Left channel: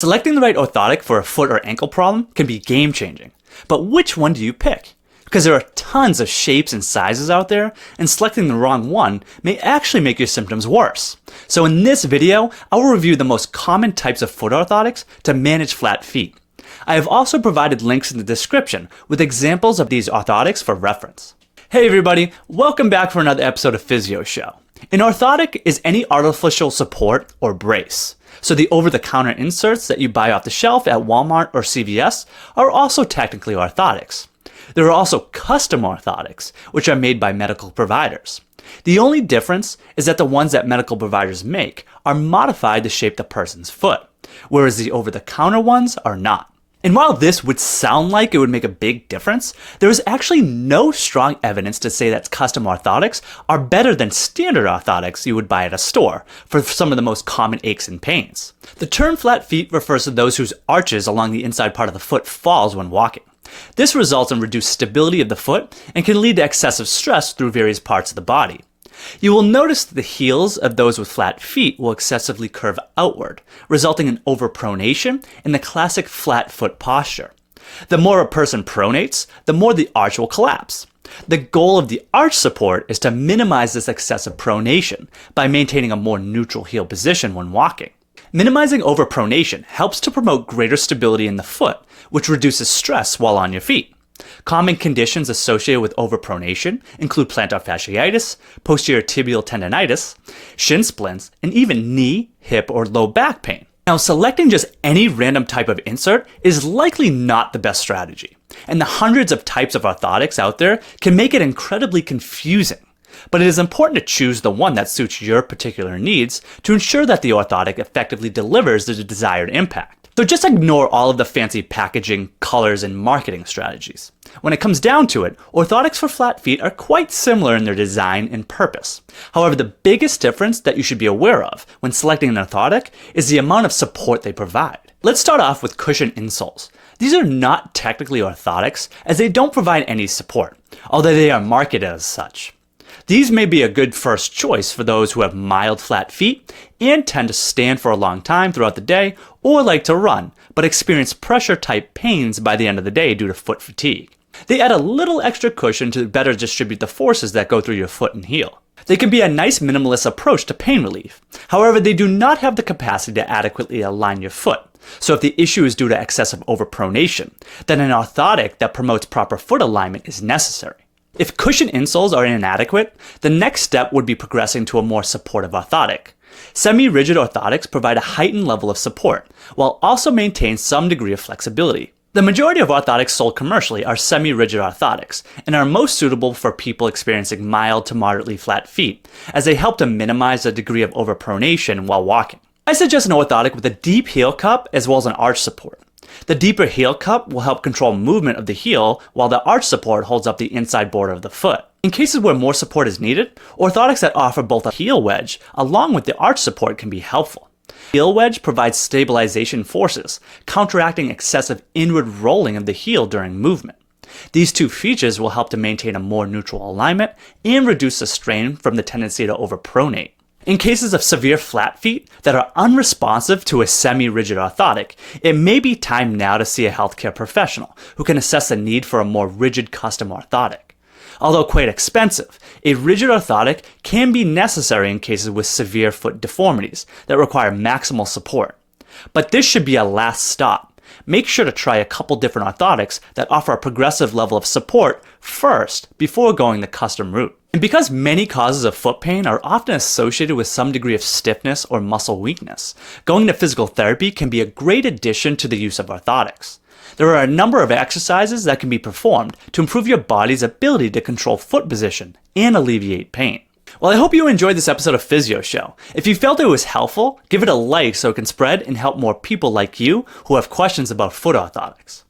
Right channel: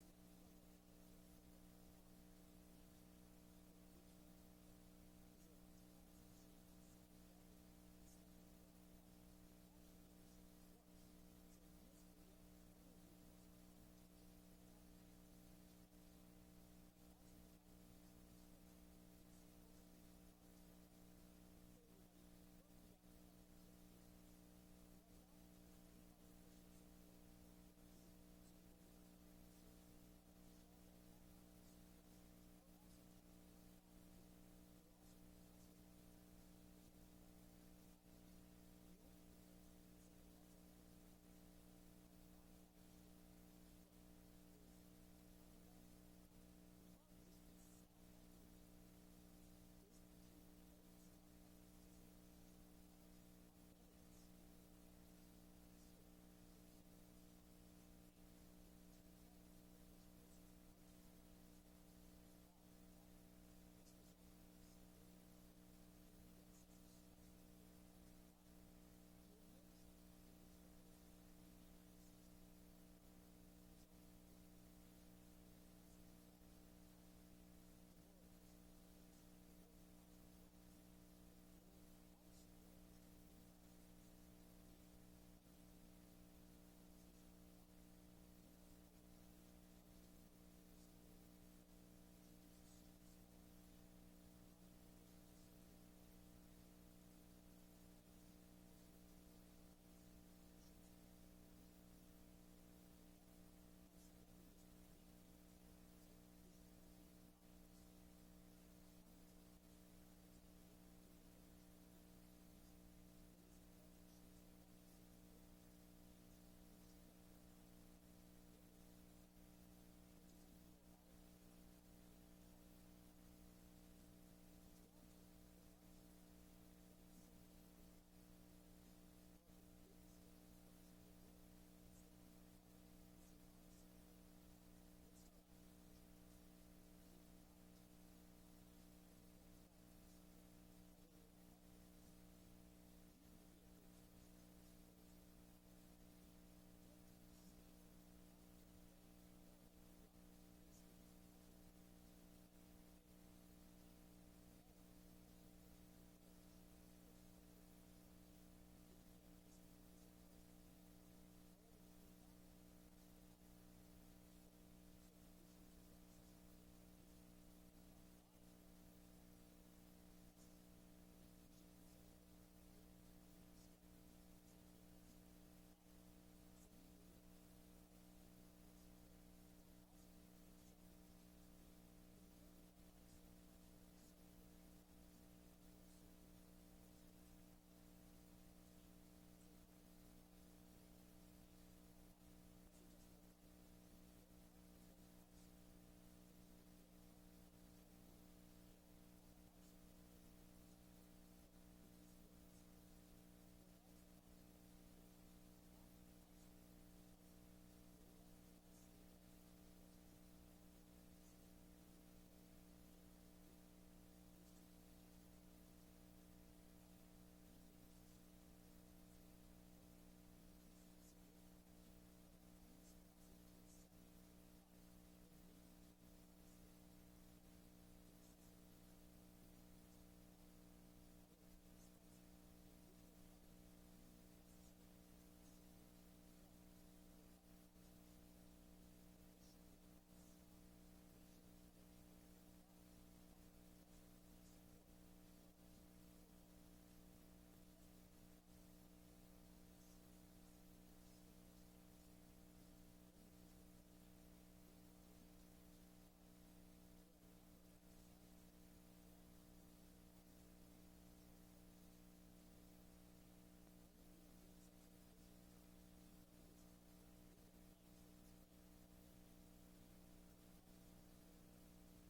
Selecting the right orthotic for a foot or ankle problem can be game-changing, but which one do you pick? Because there are tons of shapes and sizes out there, and selecting the wrong one may actually make your symptoms worse. So in this video, I will review the most common types of foot orthotics to manage flat feet. I have also provided links in the description with examples of these orthotics for reference. Hey everybody, welcome back for another episode of Physio Show. An orthotic is any artificial support or brace. So the over-the-counter inserts that you buy off the shelf at Walmart or CVS are also technically orthotics. There are also custom orthotics, which are made by medical providers. The only difference is that the ones that medical providers make are modified to shape the person's foot, whereas the over-the-counter ones are not. And while this would sound like it would make a big difference, there is actually no strong evidence to say that custom orthotics are better than standard orthotics you would buy at a store for some of the most common aches and pains. The term flat feet refers to those whose arches along the inside part of the foot falls when walking. This results in reduced stability of the foot and can lead to excessive stress through various parts of the body. You will notice that the heels of those with flat feet will excessively curve outward, resulting in overpronation and the classic flat foot posture. The more a person pronates, the more the arch will collapse. The goal of the arch support is to minimize this excessive pronation by maintaining a more neutral heel position when walking. Minimizing overpronation helps to promote greater stability in the foot, which reduces stress while on your feet. Common conditions associated with overpronation include plantar fasciitis, posterior tibial tendonitis, shin splints, and even knee, hip, or low back pain. Now, selecting just any random type of insert is likely not the best strategy, and the hundreds of types of orthotics out there can make it incredibly confusing. But it is important to choose the one that suits your particular needs to ensure that the orthotic effectively delivers the desired impact. So just ignore all of the fancy packaging, colors, and marketing strategies. When it comes down to it, orthotics for flat feet are quite similar in their design and purpose. However, the biggest difference that you should be aware of when selecting an orthotic is the amount of support they provide. Let's start off with cushion insoles. These are not technically orthotics as they don't provide any support, although they are marketed as such. These may be a good first choice for those who have mild flat feet and tend to stand for a long time throughout the day or like to run, but experience pressure-type pains by the end of the day due to foot fatigue. They add a little extra cushion to better distribute the forces that go through your foot and heel. They can be a nice minimalist approach to pain relief. However, they do not have the capacity to adequately align your foot. So if the issue is due to excessive overpronation, then an orthotic that promotes proper foot alignment is necessary. If cushion insoles are inadequate, the next step would be progressing to a more supportive orthotic. Semi-rigid orthotics provide a heightened level of support, while also maintain some degree of flexibility. The majority of orthotics sold commercially are semi-rigid orthotics, and are most suitable for people experiencing mild to moderately flat feet, as they help to minimize the degree of overpronation while walking. I suggest an orthotic with a deep heel cup as well as an arch support. The deeper heel cup will help control movement of the heel, while the arch support holds up the inside border of the foot. In cases where more support is needed, orthotics that offer both a heel wedge along with the arch support can be helpful. The heel wedge provides stabilization forces, counteracting excessive inward rolling of the heel during movement. These two features will help to maintain a more neutral alignment and reduce the strain from the tendency to overpronate. In cases of severe flat feet that are unresponsive to a semi-rigid orthotic, it may be time now to see a healthcare professional who can assess the need for a more rigid custom orthotic. Although quite expensive, a rigid orthotic can be necessary in cases with severe foot deformities that require maximal support. But this should be a last stop. Make sure to try a couple different orthotics that offer a progressive level of support first before going the custom route. And because many causes of foot pain are often associated with some degree of stiffness or muscle weakness, going to physical therapy can be a great addition to the use of orthotics. There are a number of exercises that can be performed to improve your body's ability to control foot position and alleviate pain. Well, I hope you enjoyed this episode of Physio Show. If you felt it was helpful, give it a like so it can spread and help more people like you who have questions about foot orthotics.